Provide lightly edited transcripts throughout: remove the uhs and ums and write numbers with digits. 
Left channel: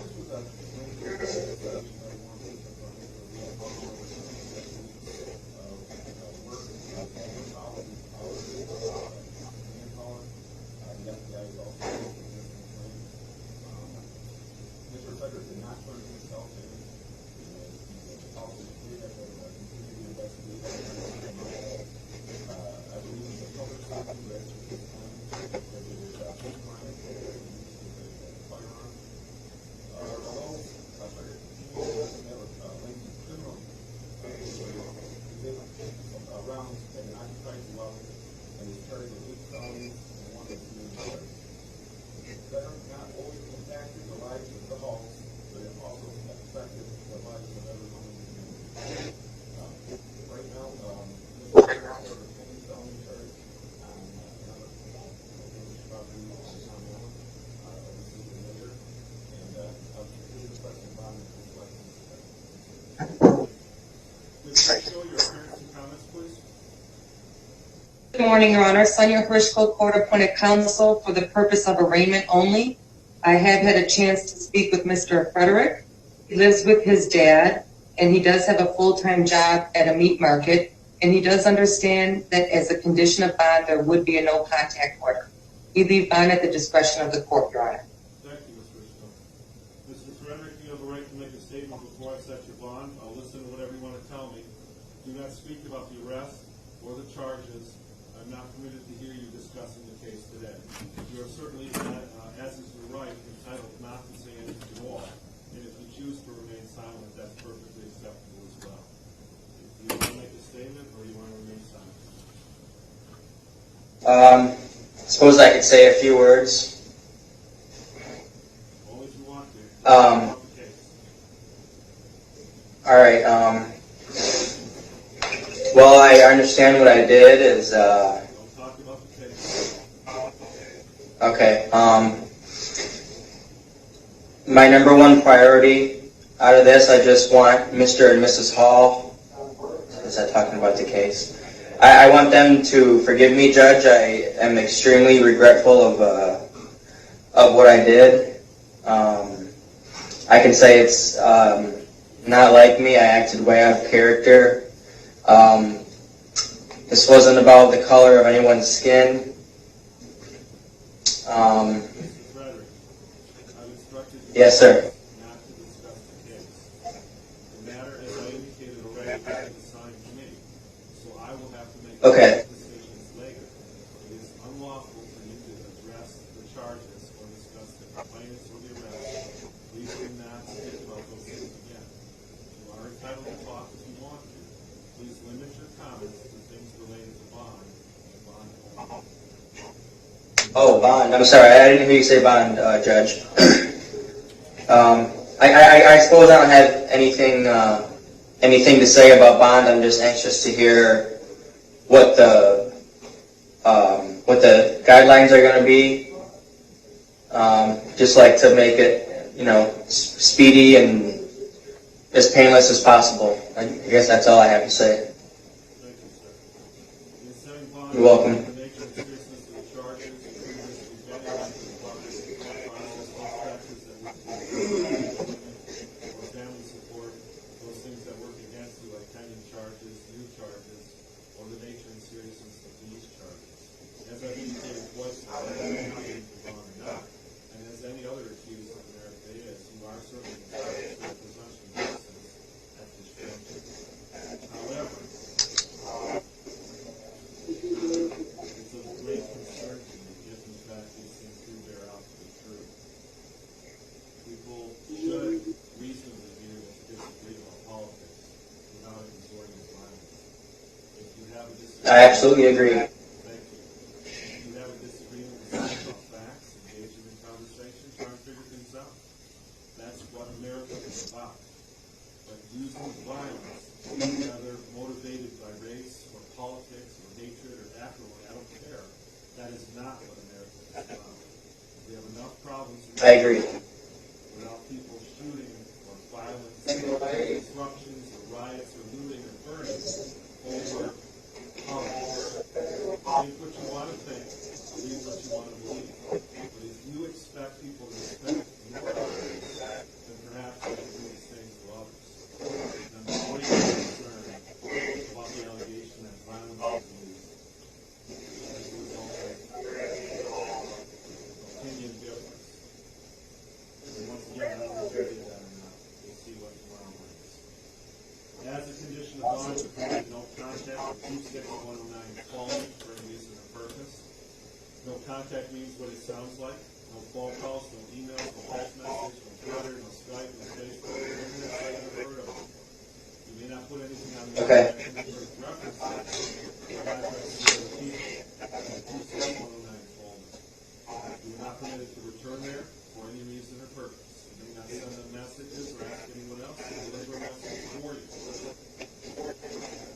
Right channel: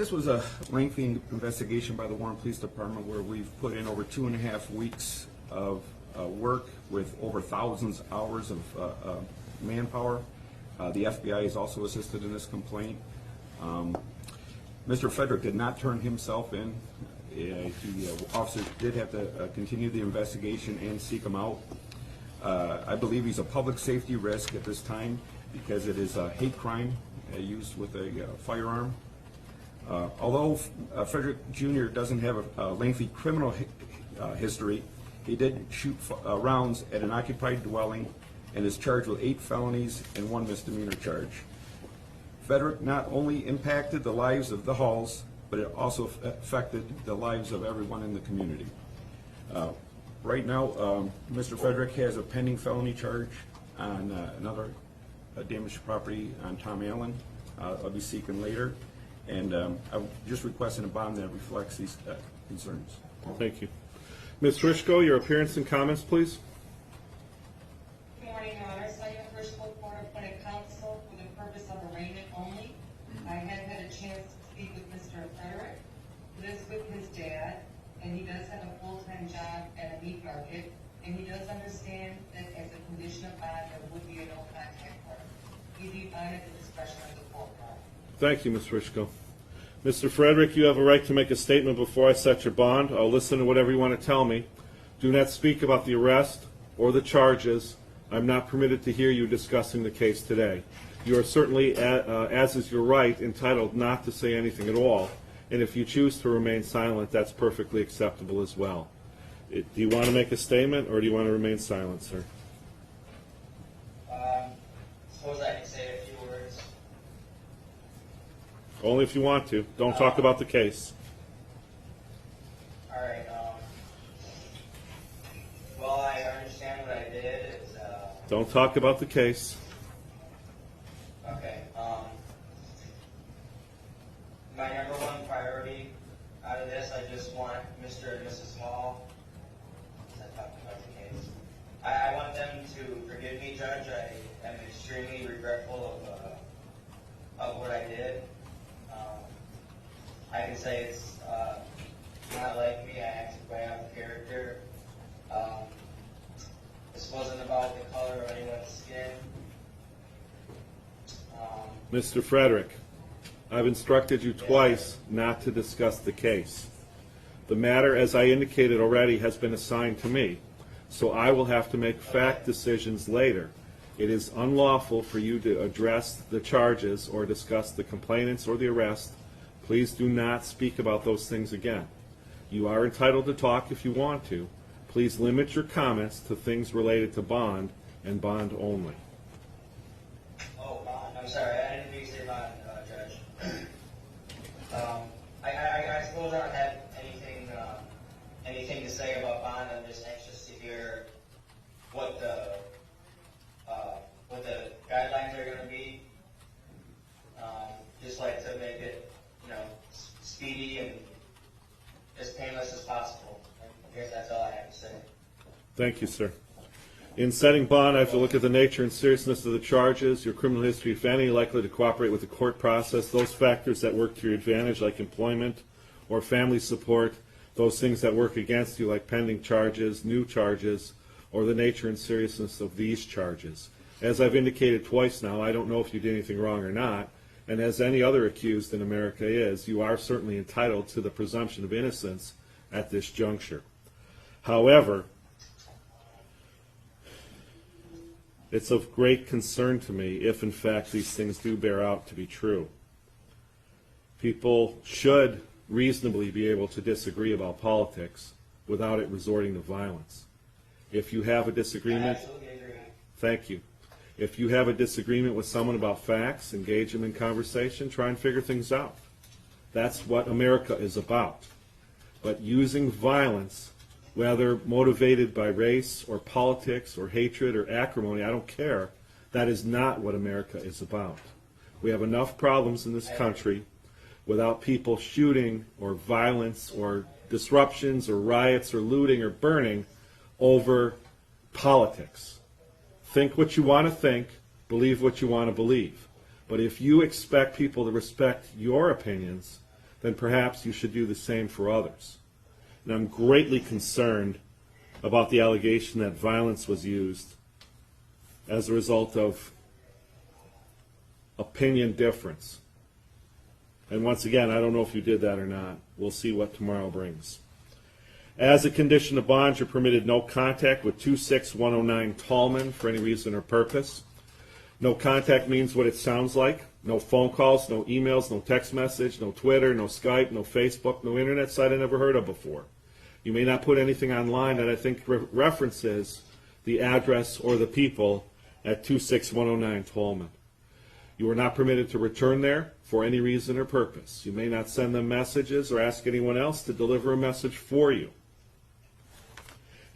This was a lengthy investigation by the Warren Police Department where we've put in over 2.5 weeks of work with over thousands of hours of manpower. The FBI has also assisted in this complaint. Mr. Frederick did not turn himself in. Officers did have to continue the investigation and seek him out. I believe he's a public safety risk at this time because it is a hate crime used with a firearm. Although Frederick Jr. doesn't have a lengthy criminal history, he did shoot rounds at an occupied dwelling and is charged with 8 felonies and 1 misdemeanor charge. Frederick not only impacted the lives of the Halls, but it also affected the lives of everyone in the community. Right now, Mr. Frederick has a pending felony charge on another damaged property on Tom Allen. I'll be seeking later. And I'm just requesting a bond that reflects these concerns. Thank you. Ms. Hrishko, your appearance and comments, please. Good morning, Your Honor. Sonia Hrishko, court-appointed counsel for the purpose of arraignment only. I have had a chance to speak with Mr. Frederick. He lives with his dad, and he does have a full-time job at a meat market, and he does understand that as a condition of bond, there would be a no-contact order. We leave bond at the discretion of the court, Your Honor. Thank you, Ms. Hrishko. Mr. Frederick, you have a right to make a statement before I set your bond. I'll listen to whatever you want to tell me. Do not speak about the arrest or the charges. I'm not permitted to hear you discussing the case today. You are certainly, as is your right, entitled not to say anything at all. And if you choose to remain silent, that's perfectly acceptable as well. Do you want to make a statement, or do you want to remain silent, sir? Suppose I could say a few words. Only if you want to. Don't talk about the case. All right. Well, I understand what I did is. Don't talk about the case. Okay. My number one priority out of this, I just want Mr. and Mrs. Hall. Is that talking about the case? I want them to forgive me, Judge. I am extremely regretful of what I did. I can say it's not like me. I acted way out of character. This wasn't about the color of anyone's skin. Mr. Frederick, I've instructed you Yes, twice sir. not to discuss the case. The matter, as I indicated already, has been assigned to me, so I will have to make correct decisions later. It is unlawful for you to address the charges or discuss the complainants or the arrest. Please do not speak about those things again. You are entitled to talk if you want to. Please limit your comments to things related to bond and bond only. Oh, bond. I'm sorry. I didn't hear you say bond, Judge. I suppose I don't have anything to say about bond. I'm just anxious to hear what the guidelines are going to be. Just like to make it, speedy and as painless as possible. I guess that's all I have to say. Thank you, sir. In setting bond, I You're will welcome. look at the nature and seriousness of the charges, your criminal history, if any, likely to cooperate with the court process, those factors that work to your advantage, like employment or family support, those things that work against you, like pending charges, new charges, or the nature and seriousness of these charges. As I've indicated twice now, I don't know if you did anything wrong or not, and as any other accused in America is, you are certainly entitled to the presumption of innocence at this juncture. However, it's of great concern to me if, in fact, these things do bear out to be true. People should reasonably be able to disagree about politics without it resorting to violence. If you have a disagreement... I absolutely agree. Thank you. If you have a disagreement with someone about facts, engage them in conversation, try and figure things out. That's what America is about. But using violence, whether motivated by race or politics or hatred or acrimony, I don't care, that is not what America is about. We have enough problems in this country without people shooting or violence or disruptions or riots or looting or burning over politics. Think what you want to think, believe what you want to believe. But if you expect people to respect your opinions then perhaps you should do the same for others. And I'm greatly concerned about the allegation that violence was used as a result of opinion difference. And once again, I don't know if you did that or not. We'll see what tomorrow brings. As a condition of bond, you're permitted no contact with 26109 Tallman for any reason or purpose. No contact means what it sounds like. No phone calls, no emails, no text message, no Twitter, no Skype, no Facebook, no internet site I never heard of before. You may not put anything online that I think references the address or the people at 26109 Tallman. You are not permitted to return there for any reason or purpose. You may not send them messages or ask anyone else to deliver a message for you.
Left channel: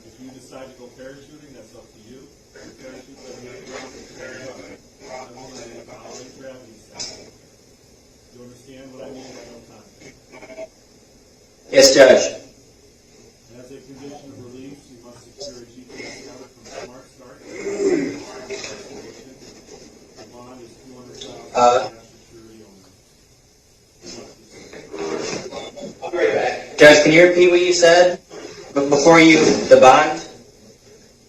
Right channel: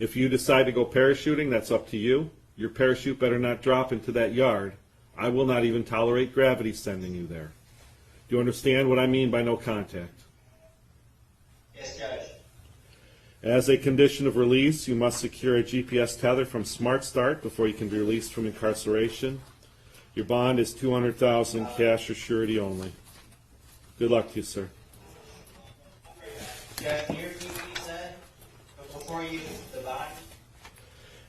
If you decide to go parachuting, that's up to you. Your parachute better not drop into that yard. I will not even tolerate gravity sending you there. Do you understand what I mean by no contact? Yes, Judge. As a condition of release, you must secure a GPS tether from Smart Start before you can be released from incarceration. Your bond is $200,000 cash or surety only. Good luck to you, sir. Judge, can you repeat what you said before the bond?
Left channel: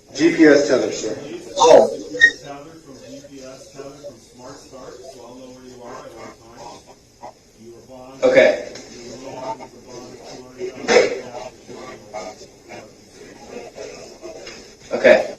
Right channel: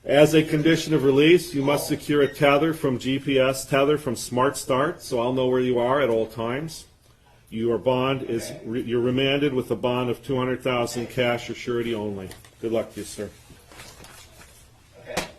As a condition of release, you must secure a tether from GPS tether from Smart Start, so I'll know where you are at all times. Your bond, you're remanded with a bond of $200,000 cash or surety only. Good luck to you, sir. Okay.